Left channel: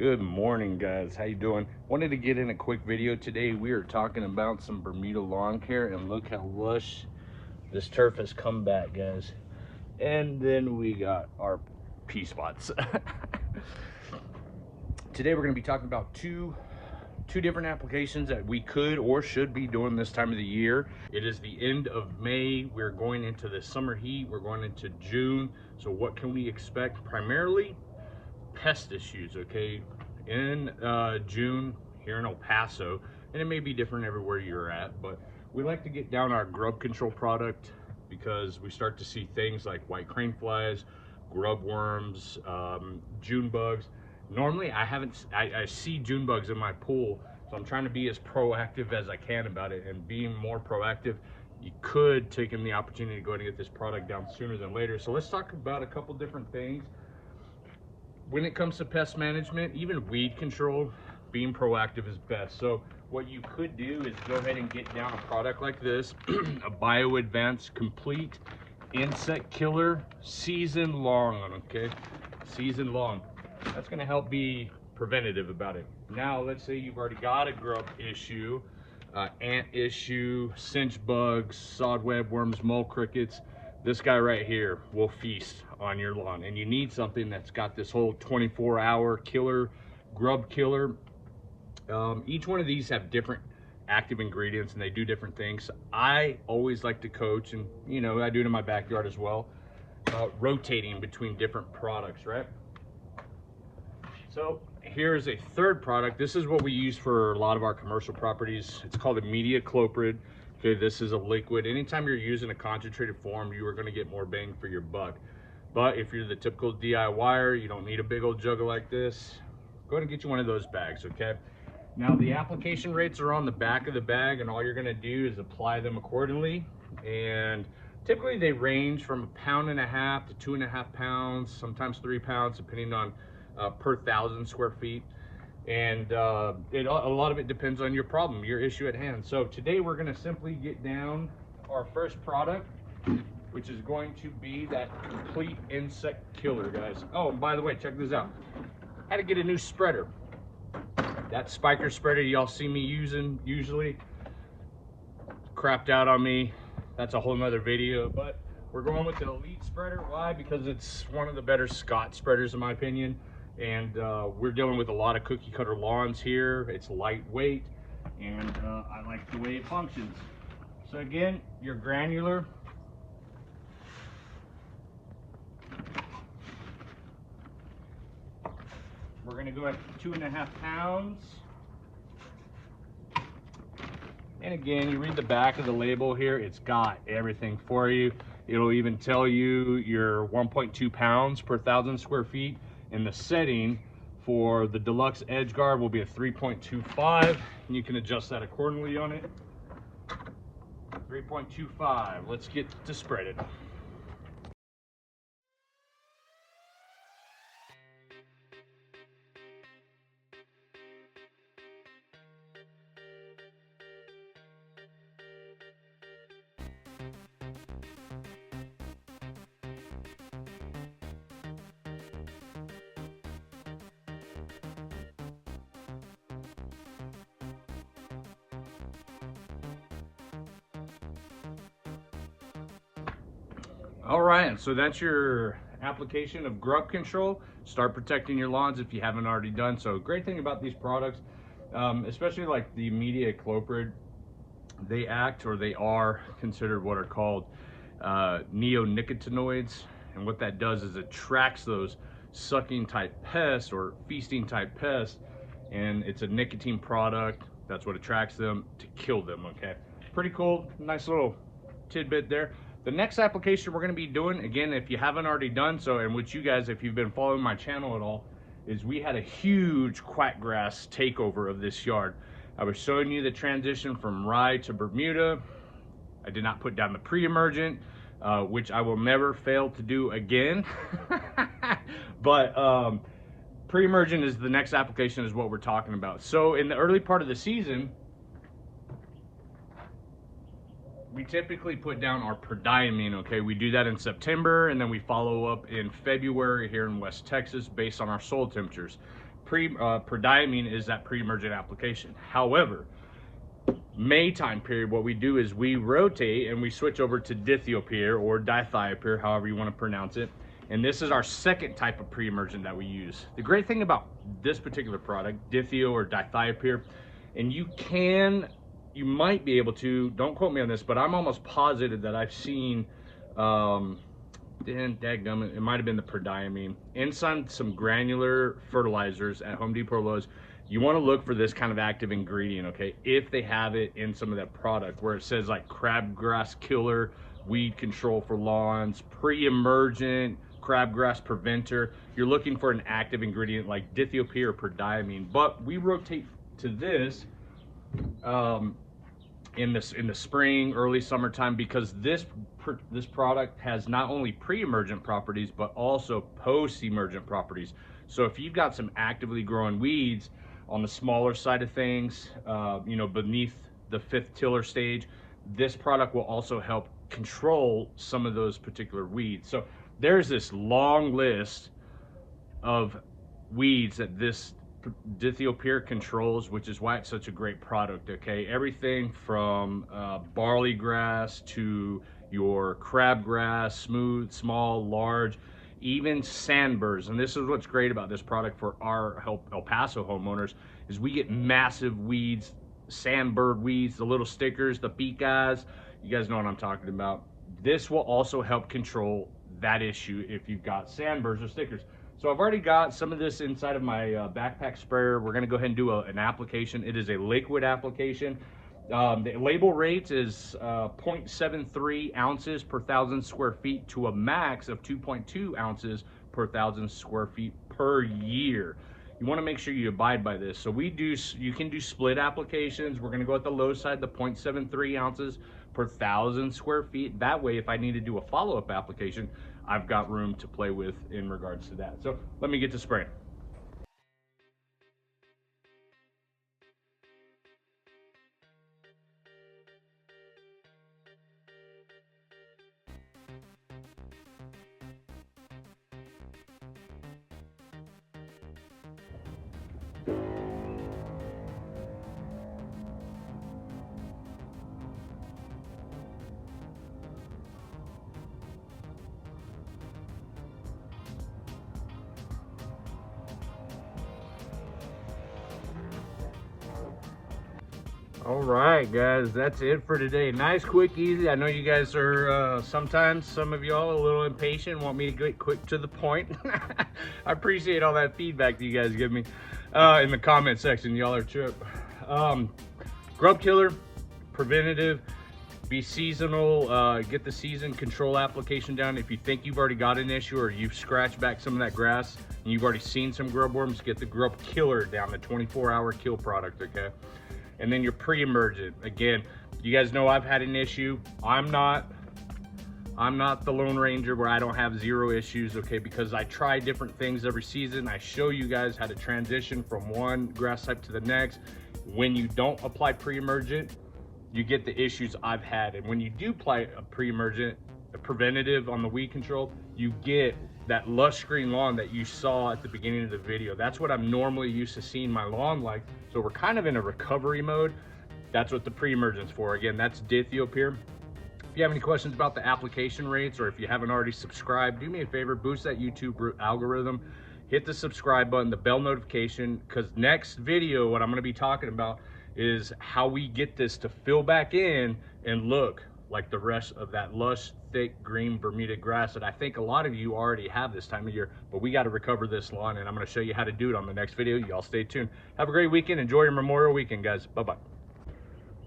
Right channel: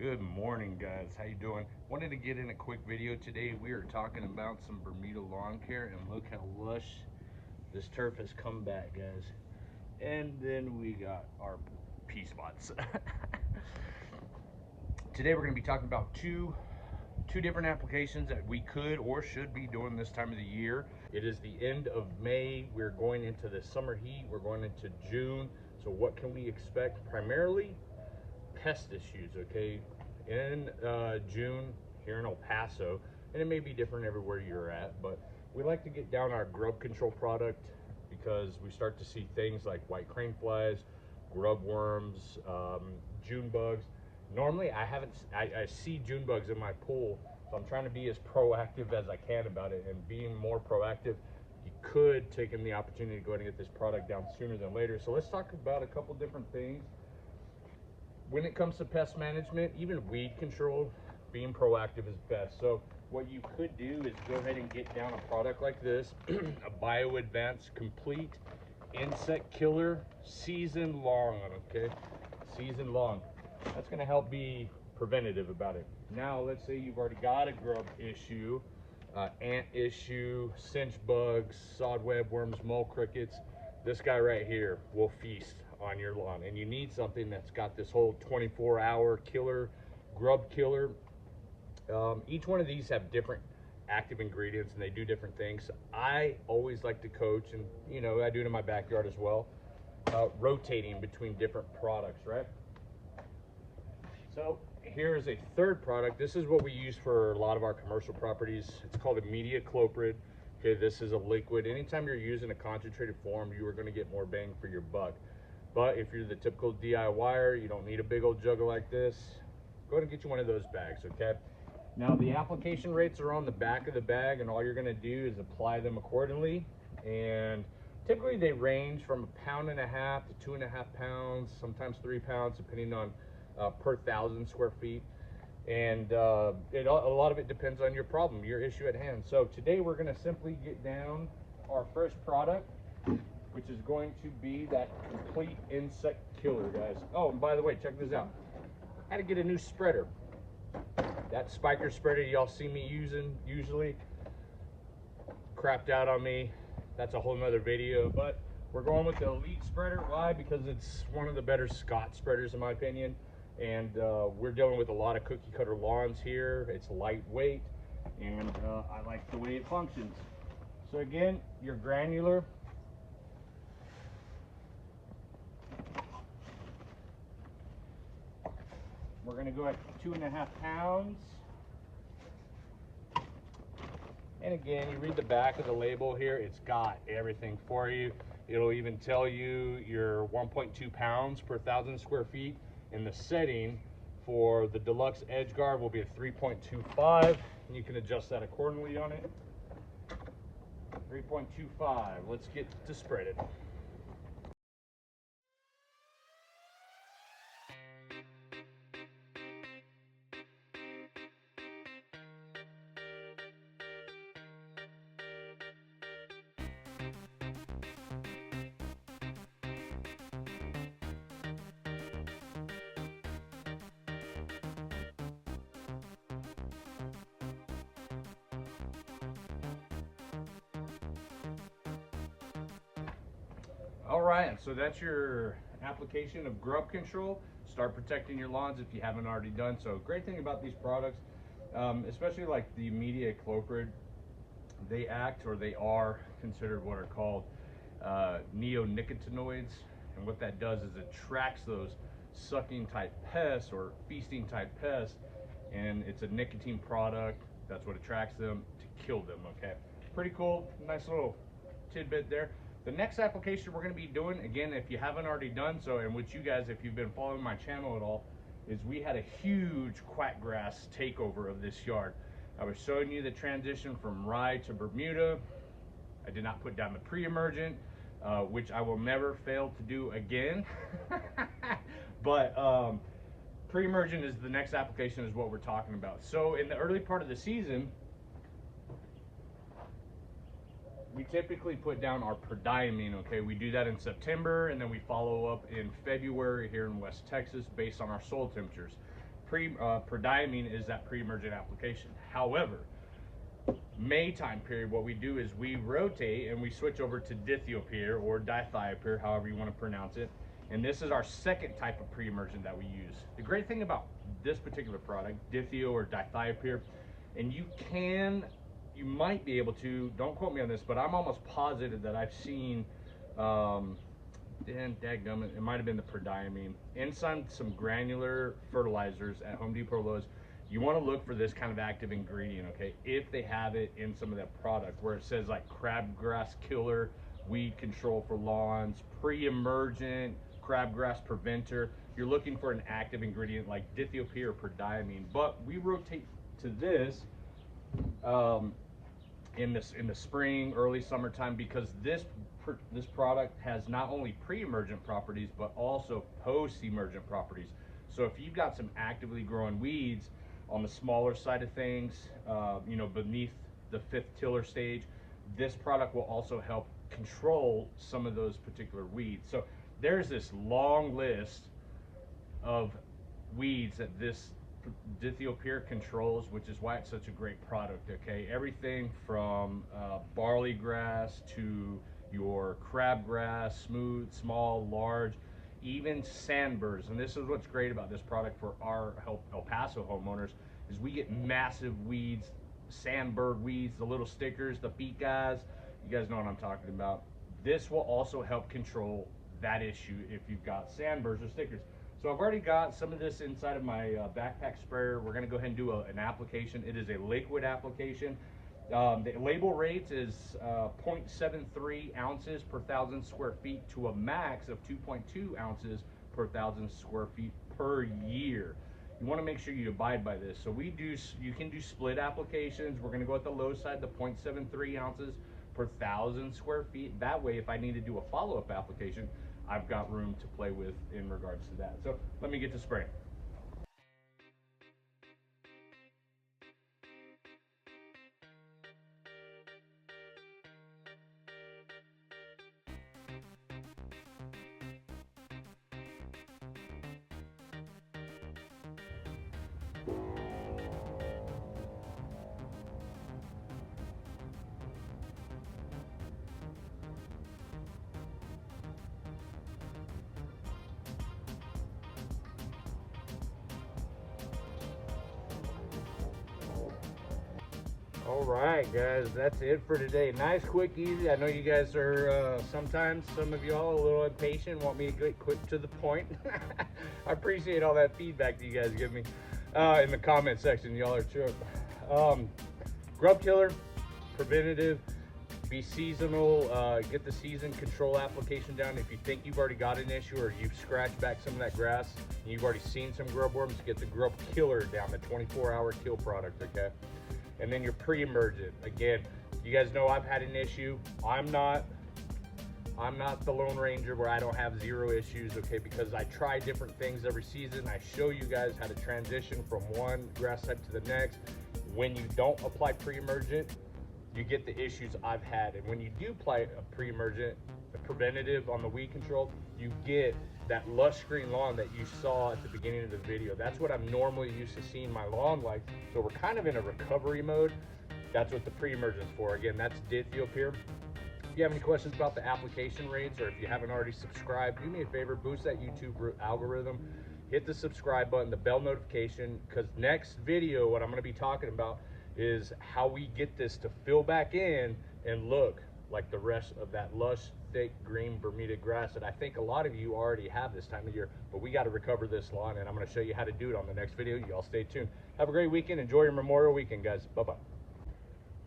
Good morning, guys. How you doing? Wanted to get in a quick video today. We are talking about some Bermuda lawn care, and look how lush this turf has come back, guys. And then we got our pea spots. Today we're going to be talking about two different applications that we could or should be doing this time of the year. It is the end of May. We're going into the summer heat. We're going into June. So what can we expect? Primarily pest issues, okay? In June here in El Paso, and it may be different everywhere you're at, but we like to get down our grub control product because we start to see things like white crane flies, grub worms, June bugs. Normally I see June bugs in my pool, so I'm trying to be as proactive as I can about it, and being more proactive, you could take in the opportunity to go ahead and get this product down sooner than later. So let's talk about a couple different things. When it comes to pest management, even weed control, being proactive is best. So what you could do is go ahead and get down a product like this, a Bio Advanced Complete Insect Killer season long, okay? Season long. That's gonna help be preventative about it. Now, let's say you've already got a grub issue, ant issue, cinch bugs, sod web worms, mole crickets. This guy right here will feast on your lawn, and you need something that's got this whole 24-hour killer, grub killer. Each one of these have different active ingredients and they do different things. I always like to coach, and you know, I do it in my backyard as well, rotating between different products, right? So here's a third product. This is what we use for a lot of our commercial properties. It's called imidacloprid. Okay, this is a liquid. Anytime you're using a concentrated form, you are going to get more bang for your buck. But if you're the typical DIYer, you don't need a big old jug like this. Go ahead and get you one of those bags, okay? Now the application rates are on the back of the bag, and all you're going to do is apply them accordingly. And typically they range from 1.5 pounds to 2.5 pounds, sometimes 3 pounds, depending on per 1,000 square feet. And a lot of it depends on your problem, your issue at hand. So today we're going to simply get down our first product, which is going to be that complete insect killer, guys. Oh, by the way, check this out. Had to get a new spreader. That spiker spreader y'all see me using usually crapped out on me. That's a whole nother video, but we're going with the Elite spreader. Why? Because it's one of the better Scott spreaders in my opinion. And we're dealing with a lot of cookie cutter lawns here. It's lightweight, and I like the way it functions. So again, your granular. We're gonna go at 2.5 pounds. And again, you read the back of the label here, it's got everything for you. It'll even tell you your 1.2 pounds per 1,000 square feet. And the setting for the deluxe edge guard will be a 3.25, and you can adjust that accordingly on it. 3.25. Let's get to spreading. All right, so that's your application of grub control. Start protecting your lawns if you haven't already done so. Great thing about these products, especially like the imidacloprid, they are considered what are called neonicotinoids, and what that does is it attracts those sucking type pests or feasting type pests, and it's a nicotine product. That's what attracts them to kill them. Okay, pretty cool, nice little tidbit there. The next application we're going to be doing, again, if you haven't already done so, and which you guys, if you've been following my channel at all, is we had a huge quackgrass takeover of this yard. I was showing you the transition from rye to Bermuda. I did not put down the pre-emergent, which I will never fail to do again. But pre-emergent is the next application, is what we're talking about. So in the early part of the season, we typically put down our prodiamine, okay? We do that in September, and then we follow up in February here in West Texas based on our soil temperatures. prodiamine is that pre-emergent application. However, May time period, what we do is we rotate and we switch over to dithiopyr or dithiopyr, however you want to pronounce it. And this is our second type of pre-emergent that we use. The great thing about this particular product, dithio or dithiopyr, and you might be able to, don't quote me on this, but I'm almost positive that I've seen, dadgummit, it might have been the prodiamine inside some granular fertilizers at Home Depot or Lowe's. You want to look for this kind of active ingredient, okay? If they have it in some of that product where it says like crabgrass killer, weed control for lawns, pre-emergent, crabgrass preventer, you're looking for an active ingredient like dithiopyr or prodiamine. But we rotate to this in the spring, early summertime, because this product has not only pre-emergent properties but also post-emergent properties. So if you've got some actively growing weeds on the smaller side of things, you know, beneath the 5th tiller stage, this product will also help control some of those particular weeds. So there's this long list of weeds that this dithiopyr controls, which is why it's such a great product, okay? Everything from barley grass to your crabgrass, smooth, small, large, even sandburs. And this is what's great about this product for our El Paso homeowners, is we get massive weeds, sandbird weeds, the little stickers, the beak eyes. You guys know what I'm talking about. This will also help control that issue if you've got sandburs or stickers. So I've already got some of this inside of my backpack sprayer. We're gonna go ahead and do an application. It is a liquid application. The label rate is 0.73 ounces per 1,000 square feet to a max of 2.2 ounces per 1,000 square feet per year. You want to make sure you abide by this. So you can do split applications. We're going to go at the low side, the 0.73 ounces per 1,000 square feet. That way, if I need to do a follow-up application, I've got room to play with in regards to that. So let me get to spraying. All right, guys, that's it for today. Nice, quick, easy. I know you guys are sometimes, some of y'all, a little impatient, want me to get quick to the point. I appreciate all that feedback that you guys give me in the comment section. Y'all are true. Grub killer, preventative, be seasonal, get the season control application down. If you think you've already got an issue or you've scratched back some of that grass and you've already seen some grub worms, get the grub killer down, the 24-hour kill product, okay? And then your pre-emergent. Again, you guys know I've had an issue. I'm not the Lone Ranger where I don't have zero issues, okay? Because I try different things every season. I show you guys how to transition from one grass type to the next. When you don't apply pre-emergent, you get the issues I've had. And when you do apply a pre-emergent, a preventative on the weed control, you get that lush green lawn that you saw at the beginning of the video. That's what I'm normally used to seeing my lawn like. So we're kind of in a recovery mode. That's what the pre-emergent's for. Again, that's dithiopyr. If you have any questions about the application rates, or if you haven't already subscribed, do me a favor, boost that YouTube algorithm, hit the subscribe button, the bell notification, because next video, what I'm going to be talking about is how we get this to fill back in and look like the rest of that lush, thick, green Bermuda grass that I think a lot of you already have this time of year. But we got to recover this lawn, and I'm going to show you how to do it on the next video. Y'all stay tuned. Have a great weekend. Enjoy your Memorial Weekend, guys. Bye-bye.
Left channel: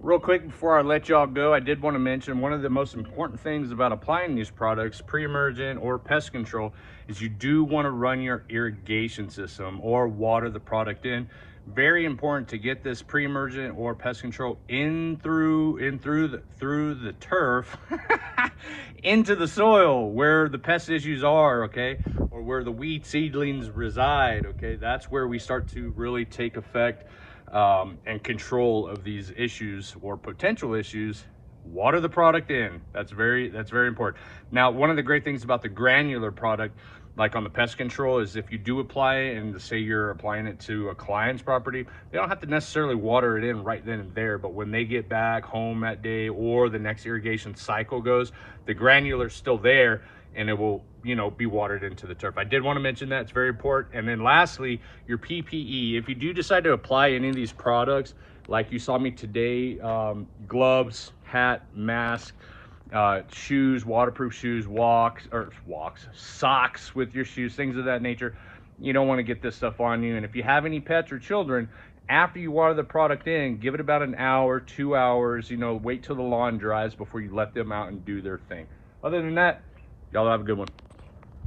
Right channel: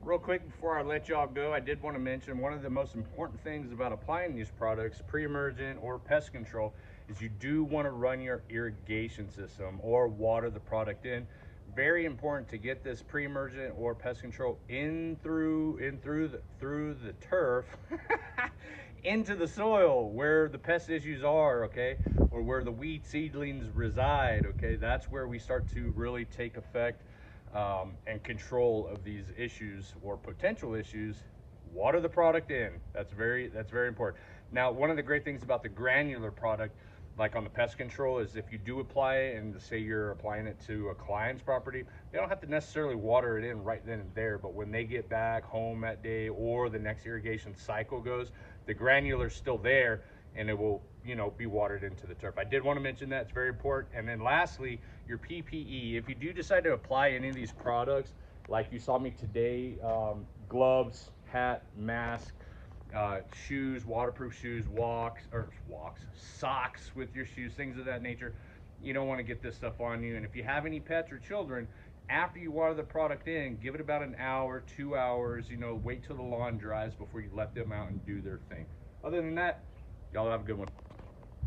Real quick before I let y'all go, I did want to mention one of the most important things about applying these products, pre-emergent or pest control, is you do want to run your irrigation system or water the product in. Very important to get this pre-emergent or pest control in through the turf into the soil where the pest issues are, okay, or where the weed seedlings reside, okay. That's where we start to really take effect and control of these issues or potential issues. Water the product in. That's very important. Now, one of the great things about the granular product, like on the pest control, is if you do apply it, and say you're applying it to a client's property, they don't have to necessarily water it in right then and there, but when they get back home that day or the next irrigation cycle goes, the granular's still there and it will, you know, be watered into the turf. I did want to mention that, it's very important. And then lastly, your PPE. If you do decide to apply any of these products, like you saw me today, gloves, hat, mask, shoes, waterproof shoes, socks with your shoes, things of that nature. You don't want to get this stuff on you. And if you have any pets or children, after you water the product in, give it about an hour, 2 hours, you know, wait till the lawn dries before you let them out and do their thing. Other than that, y'all have a good one.